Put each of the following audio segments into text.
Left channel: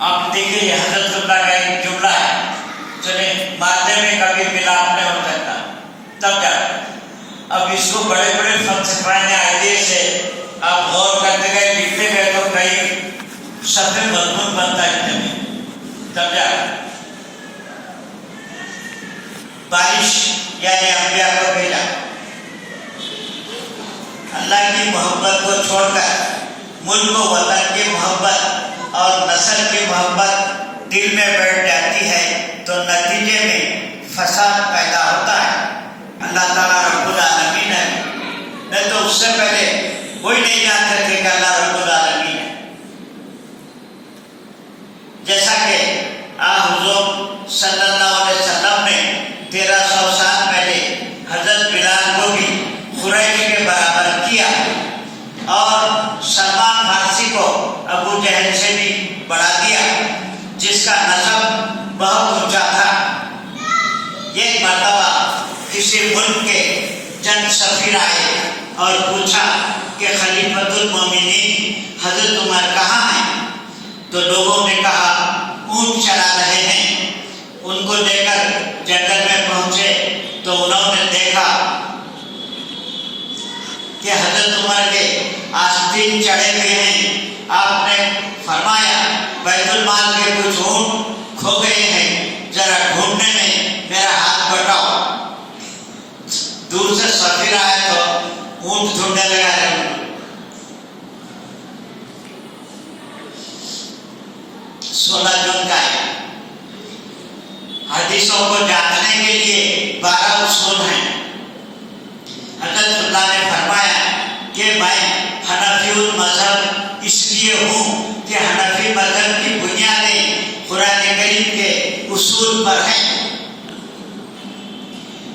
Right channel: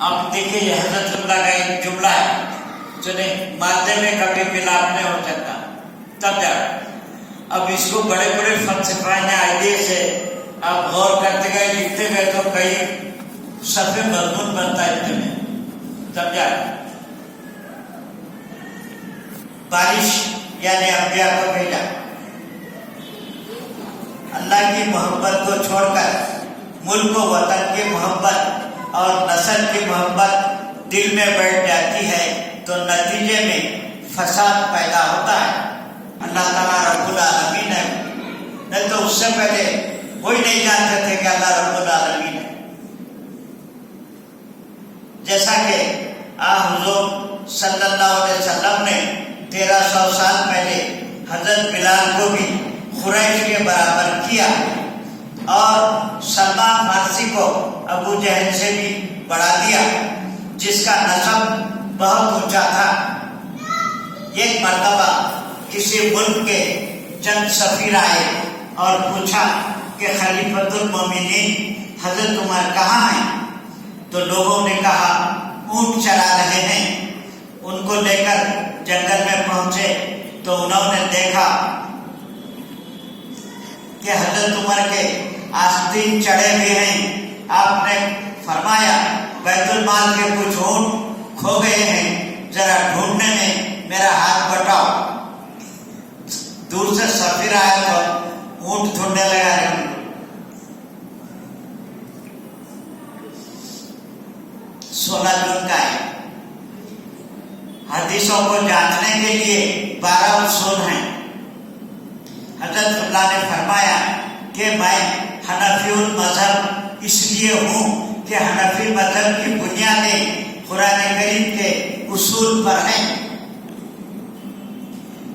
آپ دیکھیے یہ حضرت اللہ کا ایک جملہ ہے، چلے مادے میں کبھی ملاپ نہیں ہو سکتا تب جا۔ اب اس کو بڑے بڑے فلسفیانہ آئیڈے سے آپ غور کرتے گئے، لکھتے گئے تو کئی صفحے مضمون بنتا ہے میں تب جا۔ بارش یعنی انبیاء کو بھیجا، اللہ کی محبت کو چھوڑ کر ملک و وطن کی محبت اور نسل کی محبت دل میں بیٹھ جاتی ہے تو نتیجے میں فساد پیدا ہوتا ہے۔ اللہ تعالیٰ رب العالمین ہے، نہیں تو اس سے پہلے کوئی نہیں جانتے تھے کہ اللہ رب العالمین ہے۔ جیسا کہ حضور صلی اللہ علیہ وسلم نے 1300 سال پہلے حضرت بلال کو بھی قریش کے برابر کیا اور سلمان فارسی کو ابو جہل سے بھی بڑھا دیا، جس کا نسب بہت اونچا تھا۔ ایک مرتبہ کسی ملک کے چند سفیر آئے اور پوچھا کہ خلیفۃ المومنین حضرت عمر کہاں ہیں؟ تو لوگوں نے کہا اونٹ چلا رہے ہیں۔ ان کو لے کر جنگل میں پہنچے تو انہوں نے دیکھا کہ حضرت عمر کے آستین چڑھے ہوئے ہیں۔ آپ نے فرمایا بیت المال کے کچھ اونٹ کھو گئے ہیں، ذرا ڈھونڈنے میں میرا ہاتھ بٹاؤ۔ دور سے سفیر آیا تو اونٹ ڈھونڈنے لگا۔ 16 جون کا ہے۔ حدیثوں کو جاننے کے لیے 12 اصول ہیں۔ حضرت اللہ نے فرمایا کہ میں حنفی المذہب اس لیے ہوں کہ حنفی مذہب کی بنیادیں قرآن کریم کے اصول پر ہیں۔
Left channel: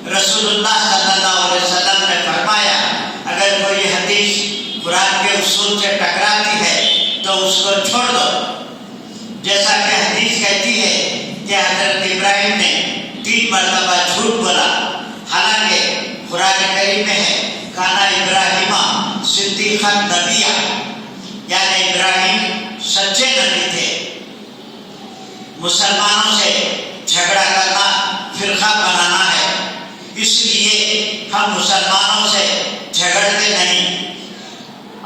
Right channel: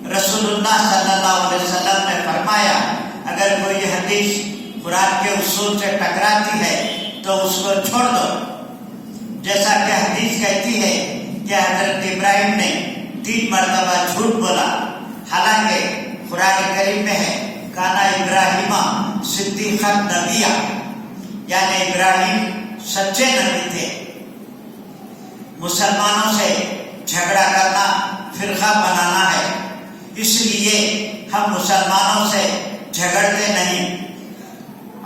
رسول اللہ صلی اللہ علیہ وسلم نے فرمایا اگر کوئی حدیث قرآن کے اصول سے ٹکراتی ہے تو اس کو چھوڑ دو۔ جیسا کہ حدیث کہتی ہے کہ حضرت ابراہیم نے 3 مرتبہ جھوٹ بولا، حالانکہ قرآن کریم میں ہے کانا ابراہیم صدیقا نبیہ، یعنی ابراہیم سچے نبی تھے۔ مسلمانوں سے جھگڑا کرنا فرقہ بنانا ہے، اس لیے ہم مسلمانوں سے جھگڑتے نہیں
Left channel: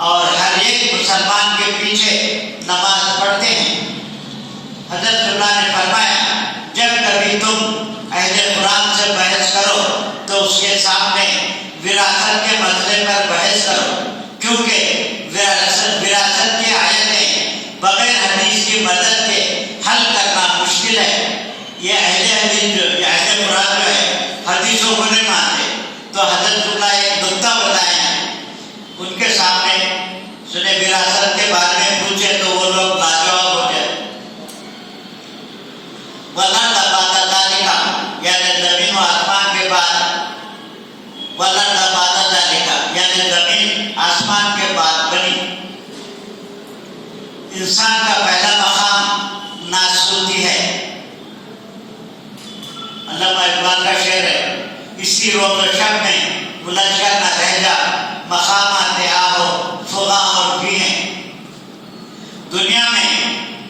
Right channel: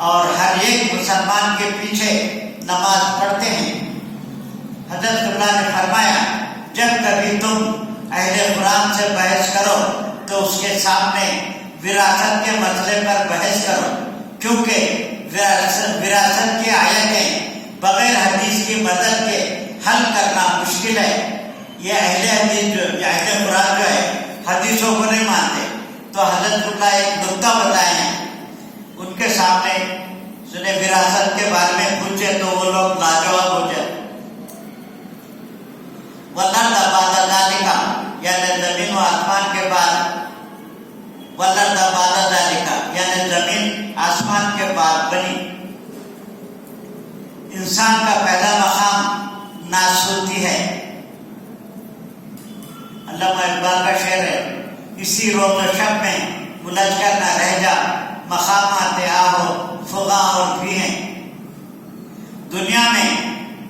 اور ہر ایک مسلمان کے پیچھے نماز پڑھتے ہیں۔ حضرت اللہ نے فرمایا جب کبھی تم اہل قرآن سے بحث کرو تو اس کے سامنے وراثت کے مسئلے پر بحث کرو، کیونکہ وراثت کی آیتیں بغیر حدیث کی مدد کے حل کرنا مشکل ہے۔ یہ اہل قرآن جو ہے حدیثوں کو نہیں مانتے، تو حضرت اللہ ایک نکتہ بتائے ہیں، ان کے سامنے سنے وراثت کے بارے میں پوچھے تو وہ لوگ لاجواب ہو جائے۔ وَالْأَرْضَ بَعْدَ ذَلِكَ یعنی زمین و آسمان کے بعد، وَالْأَرْضَ بَعْدَ ذَلِكَ یعنی زمین آسمان کے بعد بنی۔ انسان کا پہلا مقام ناسوتی ہے۔ علامہ اقبال کا شعر ہے، اسی روز و شب میں الجھ کر نہ رہ جا، مقامات آہو فغاں اور بھی ہیں۔ دنیا میں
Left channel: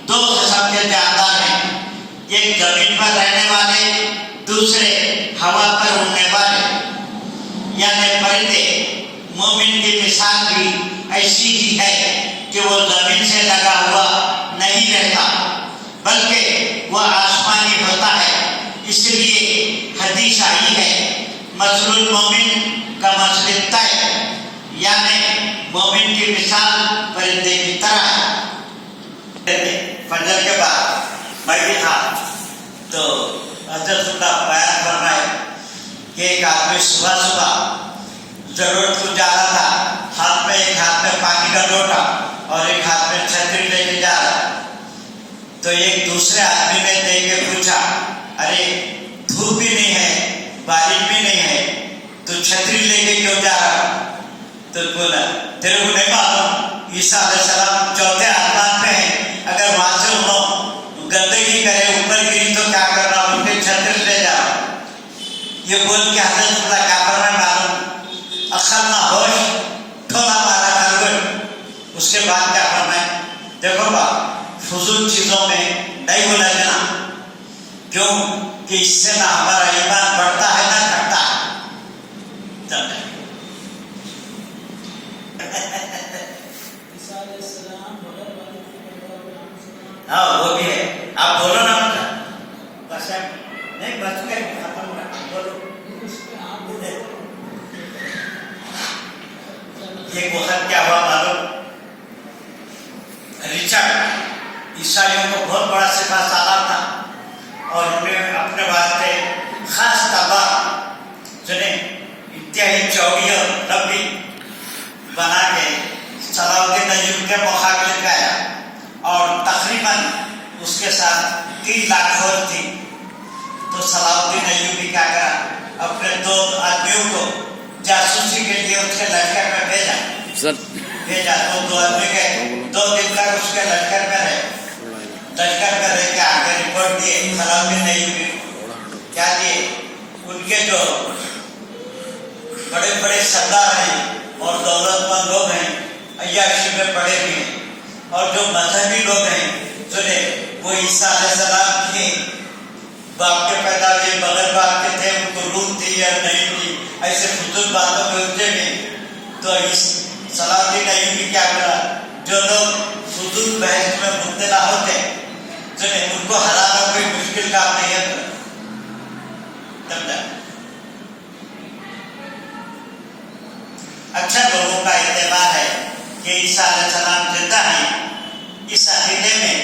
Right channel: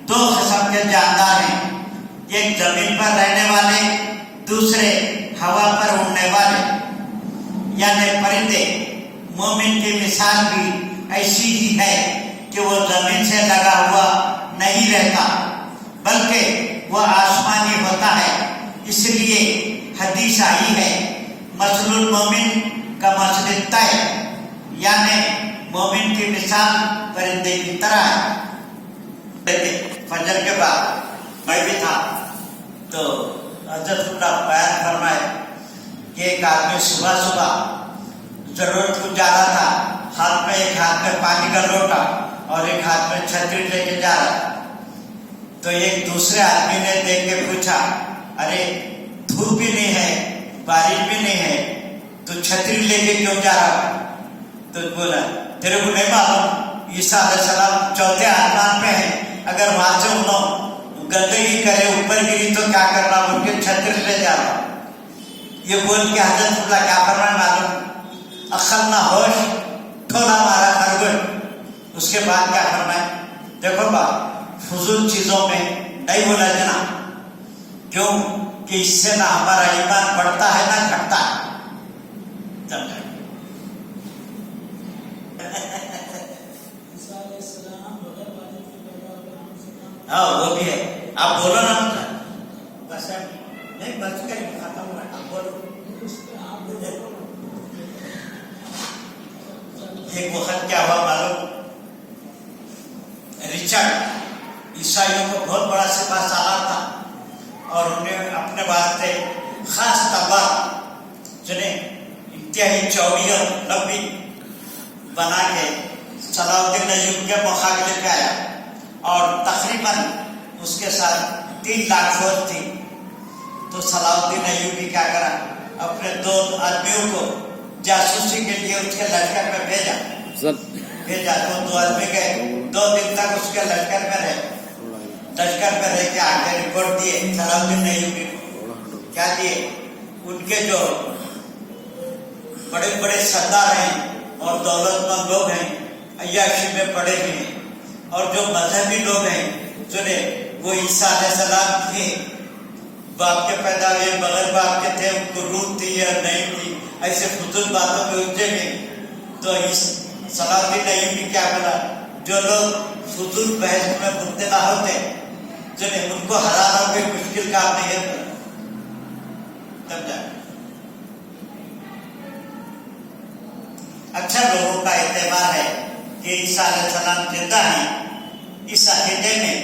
2 قسم کے جاندار ہیں، ایک زمین پر رہنے والے، دوسرے ہوا پر اڑنے والے، یعنی پرندے۔ مومن کی مثال بھی ایسی ہی ہے کہ وہ زمین سے لگا ہوا نہیں رہتا بلکہ وہ آسمانی ہوتا ہے۔ اس لیے حدیث آئی ہے مثل المومن کا مثل الطیر، یعنی مومن کی مثال پرندے کی طرح ہے۔ فجر کے بعد میں بھی تھا تو حضرت اللہ بیان فرمائے کہ ایک آدمی صبح صبح ضرورت کو جا رہا تھا، ایک ہاتھ میں پانی کا لوٹا اور ایک ہاتھ میں چھتری لے کے جا رہا۔ تو ایک دوسرے آدمی نے دیکھ کے پوچھا ارے دھوپ بھی نہیں ہے بارش بھی نہیں ہے تو چھتری لے کے کیوں جا رہا؟ تو بولا تیرے کو نہیں معلوم عیسیٰ علیہ السلام 4تھے آسمان پہ ہیں، اگر وہاں سے انہوں گندگی کرے اوپر گری تو کیا کرنا، ان کے چھتری لے جا رہا۔ یہ بول کے حضرت اللہ کیا فرمائے معلوم، عقل نہ ہوش ٹھولا مارا خرگوش۔ اس کے بعد کیا فرمائے، دیکھو باپ فضول چیزوں میں نہیں الجھنا، کیوں کہ اس سے نہ ہمارا ایمان بڑھتا ہے نہ گھٹتا ہے۔ ہاں وہ بھی ہے، آپ بولو نا، بس نہیں بس کے ختم ہو رہا، بولو۔ ایک وقت کیا ہوا معلوم، رچرڈ عیسائیوں کو بہت بڑا سپاہ سالار تھا اور انہیں اپنے واسطے خاص تلوار جنہیں انتہائی چوڑی اور لمبی بنا کے صلاح الدین ایوبی کے مقابلے پہ آیا اور تقریباً اس کے ساتھ 3 لاکھ فوج تھی۔ تو صلاح الدین ایوبی کیا کرا، اپنے 2 آدمیوں کو جاسوسی کے لیے اس کے لشکر میں بھیجا تو 2 آدمی گئے، 2 دن تک اس کے لشکر میں رہے کے آگے رپورٹ دیے صلاح الدین ایوبی کیا دیے، ان کے جو بڑے بڑے سردار ہیں اور دولت مند لوگ ہیں، عیاشی میں پڑے ہوئے ہیں، اور جو مذہبی لوگ ہیں جنہیں وہ عیسیٰ علیہ السلام کی باپ کے پیدا ہوئے بغیر باپ کے تھے، ان کو روح تھی یا نہیں تھی، ایسے فضول باتوں میں الجھے ہوئے۔ تو صلاح الدین ایوبی کیا کرا، جو لوگ فضول بحث میں مبتلا ہوتے جنہیں ان کو ہرانا کوئی مشکل کام نہیں ہے، اچھا لوگوں کا اعتبار ہے کہ عیسیٰ علیہ السلام زندہ ہیں، اس عقیدے میں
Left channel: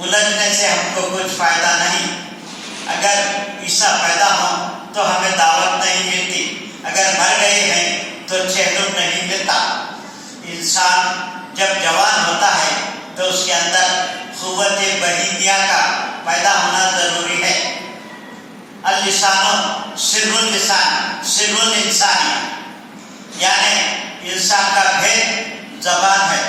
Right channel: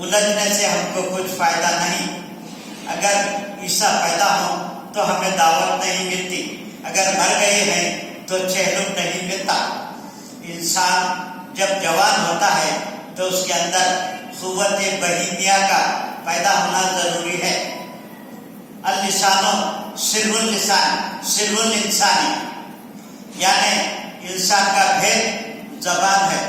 الجھنے سے ہم کو کچھ فائدہ نہیں۔ اگر عیسیٰ پیدا ہوں تو ہمیں دعوت نہیں ملتی، اگر مر گئے ہیں تو چہلم نہیں ملتا۔ انسان جب جوان ہوتا ہے تو اس کے اندر قوت بہیمیہ کا پیدا ہونا ضروری ہے۔ اللسان سر اللسان سر الانسان، یعنی انسان کا بھید زبان ہے۔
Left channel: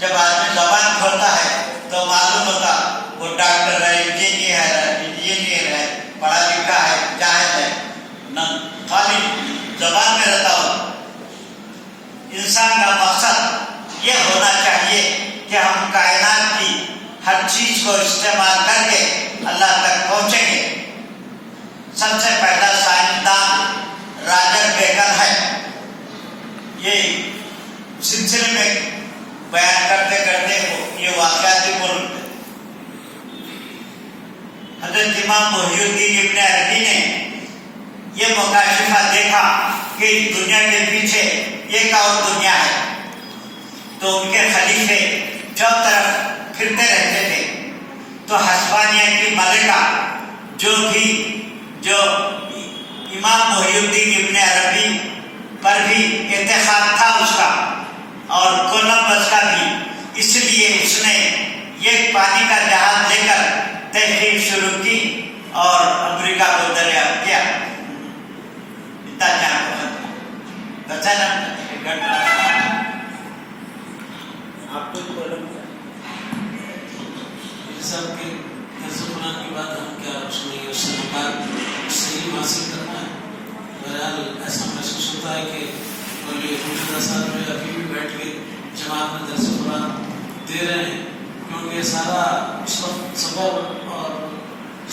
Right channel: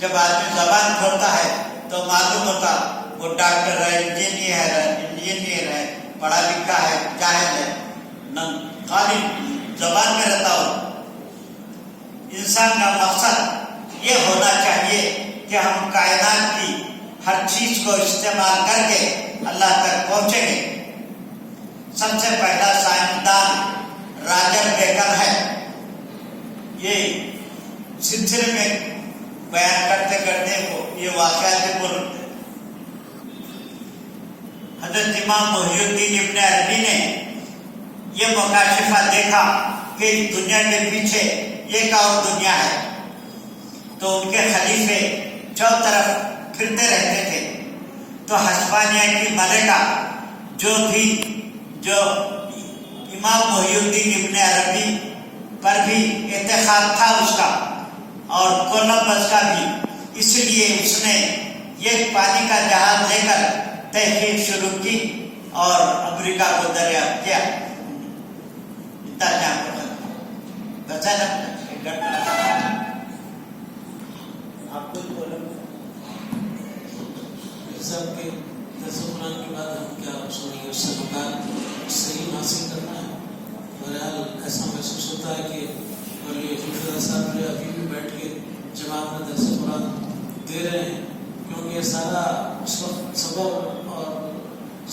جب آدمی زبان کھولتا ہے تو معلوم ہوتا وہ ڈاکٹر ہے، انجینئر ہے، پڑھا لکھا ہے، جاہل ہے، نہ خالی زبان میں رہتا ہو۔ انسان کا مقصد یہ ہونا چاہیے کہ ہم کائنات کی ہر چیز کو استعمال کر کے اللہ تک پہنچیں گے۔ سب سے پہلا سائنسدان راجر بیکر ہے۔ یہ سلسلے میں بیان کرتے کرتے یہ واقعاتی ملک حضرت امام محی الدین ابن عربی نے یہ مکاشفہ دیکھا کہ دنیا کے پیچھے ایک اور دنیا ہے، تو ان کے خلیفے چاروں طرف پھرتے رہتے تھے۔ تو ہسپانیہ کی ملکہ جو امام محی الدین ابن عربی پر بھی اتخاب تھا اس کا اور کولمبس کا بھی، اس لیے اس نے یہ پانی کا جہاز لے کر تحقیق شروع کی اور امریکہ کو دریافت کیا۔ اتنا جان بچا آپ کو سب کے درس قرآن کے بعد ہم کیا سنیں گے، اس سے مقام صحیح حاصل کرنا ہے۔ بہرحال ایسا محسوس ہوتا ہے کہ صاحب جو ابھی بھی بیٹھ کے جماعت میں درس قرآن دے رہے ہیں، کیونکہ سارا اس وقت صبر اور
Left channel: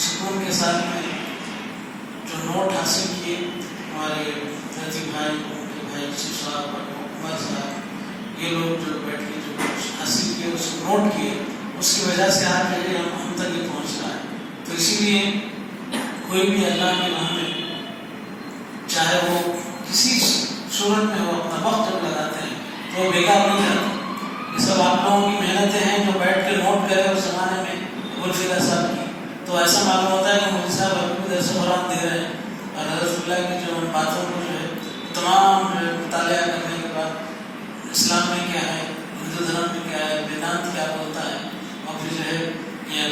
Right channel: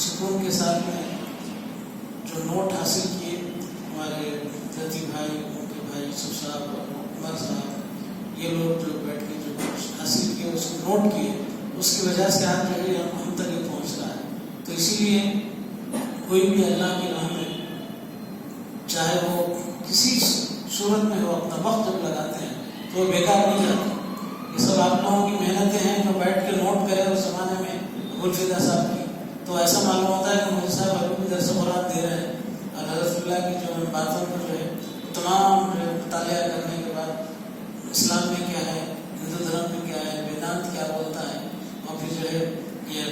سکون کے ساتھ میں جو نوٹ حاصل کیے ہمارے درجی بھائی یوسف صاحب اور عمر صاحب، یہ لوگ جو بیٹھ کے جو حاصل کیے اس کو نوٹ کیے، اس کی وجہ سے آج پہلے ہم تک یہ پہنچ رہا ہے۔ تو اسی لیے کوئی بھی اللہ کے راہ میں چاہے وہ کسی صورت میں ہو، اپنا وقت جب لگاتے ہیں تو وہ بیکار نہیں جاتا۔ یہ سب آپ لوگوں کی محنتیں ہیں جو بیٹھ کے نوٹ کرے اس زمانے میں ابوالفدا صاحب کی، تو ایسا معلوم ہوتا ہے کہ مودی صاحب ابھی بھی درس قرآن دے رہے ہیں، اور حضرت اللہ کی جو باتوں کو جو ہے تمام مطالعہ کرنے کے بعد اسلام میں کیا ہے، ہندو دھرم میں کیا ہے، ویدانت کیا بولتا ہے، اور پھر جو ہے یہ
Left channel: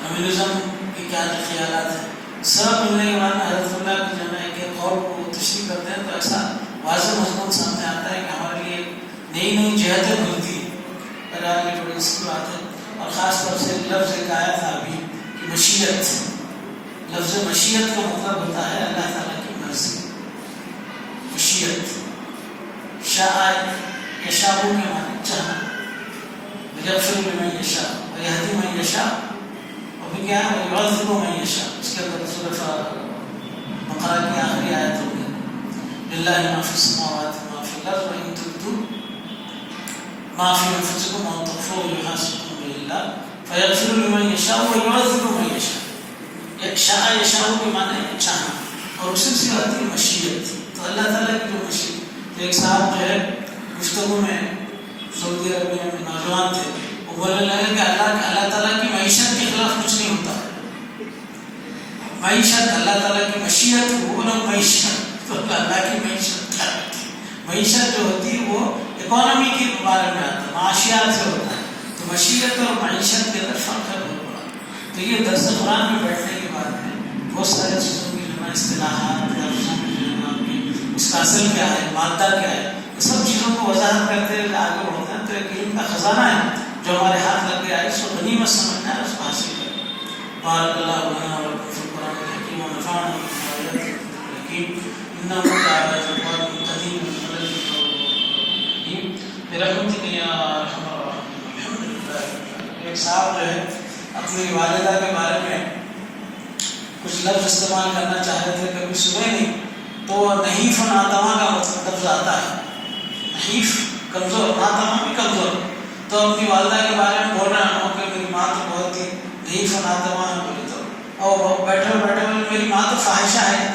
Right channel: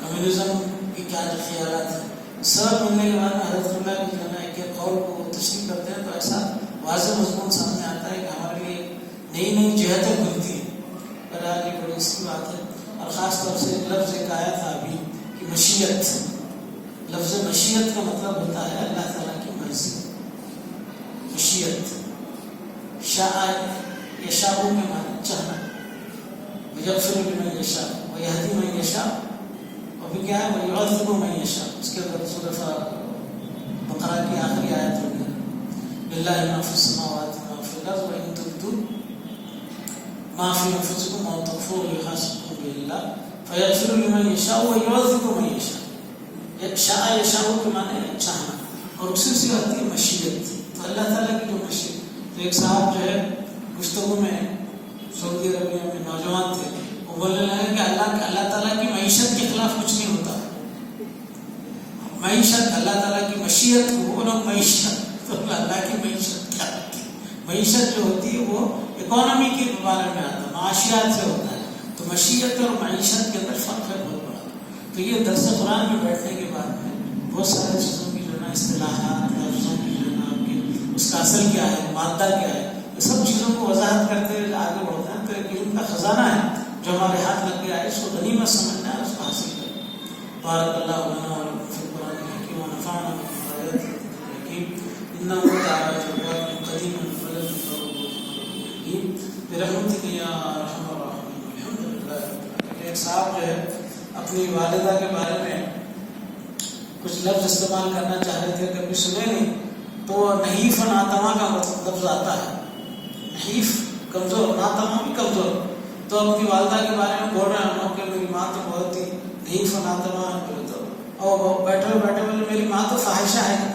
کمیونزم کے کیا خیالات ہیں، سب ملنے کے بعد حضرت اللہ کی جو ہے کہ قول کو تشریح کرتے ہیں، تو ایسا واضح مضمون سامنے آتا ہے کہ ہمارے لیے نئی نئی جہتیں کھلتی ہیں۔ بہرحال یہ بڑی اچھی بات ہے، اور خاص طور سے لفظ ایک آیا تھا ابھی کہ مشیت، لفظ مشیت کا مطلب ہوتا ہے اللہ تعالیٰ کی مرضی۔ مشیت شاء یشاء کے معنی چاہنا، یغفر لمن یشاء ویہدی من کیا ہے وَيُعَذِّبُ مَن يَشَاءُ. اس کے اندر سورۃ بقرہ کی آخری آیت ہوگی لِلَّهِ مَا فِي السَّمَاوَاتِ وَمَا فِي الْأَرْضِ وَإِن تُبْدُوا مَا فِي أَنفُسِكُمْ أَوْ تُخْفُوهُ يُحَاسِبْكُم بِهِ اللَّهُ فَيَغْفِرُ لِمَن يَشَاءُ وَيُعَذِّبُ مَن يَشَاءُ. یشاء کے معنی چاہنا، اور اسی سے آتی ہے مشیت. تو اللہ تعالیٰ کی جو مشیت. تو ایک صاحب جو ہے گفتگو میں سعودی عربیہ میں نوجوان تھے، وہ بولنے لگے کہ اللہ تعالیٰ کی معیشت کے خلاف کچھ نہیں ہوتا. معیشت اللہ تعالیٰ کی مشیت وہ لوگ معیشت، تو اللہ کی معیشت معیشت جو ہوتی ہے وہ اکانومی کے بارے میں آتا ہے، معاشیات سے ہوتا ہے. تو مشیت اور معیشت کے اندر فرق ہے بہت بڑا. تو یہ درس قرآن میں بیٹھنے کے بعد میں بہت سارے چیزوں کی جو نا اصطلاحات لفظوں کی جو نا آپ کی اس کا اصل کیا ہے، مادہ کیا ہے، یہ سب چیزوں کو وضاحت کرتے ہوئے آگے بڑھتے ہیں. تو ایک علم کا خزانہ ہے جو ہمارے ہاتھ لگ گیا ہے، اس کو غنیمت سمجھنا ہے، اس کو حاصل کرنا. بارک اللہ لنا ولکم فی القرآن الحکیم ونفعنا بما فیہ من الآیات والحکیم انہ تعالی جواد قدیم برحمتک یا ارحم الراحمین. الحمدللہ. ایک صاحب جو ہے اپنی والدہ کے بارے میں کچھ لفظ استعمال کرنا چاہ رہے تھے، کبھی سنے نہیں، تو نحیف و ناتواں کا لفظ آتا ہے. نحیف کمزور، ناتواں بھی کمزور. تو اپنی والدہ کے بارے میں بول رہے ہیں کہ میری ماں تو بہت ہی نحیف و ناتواں ہے. بولے تو اور بیٹھے بیٹھے میری ماں تو فاحشہ ہے.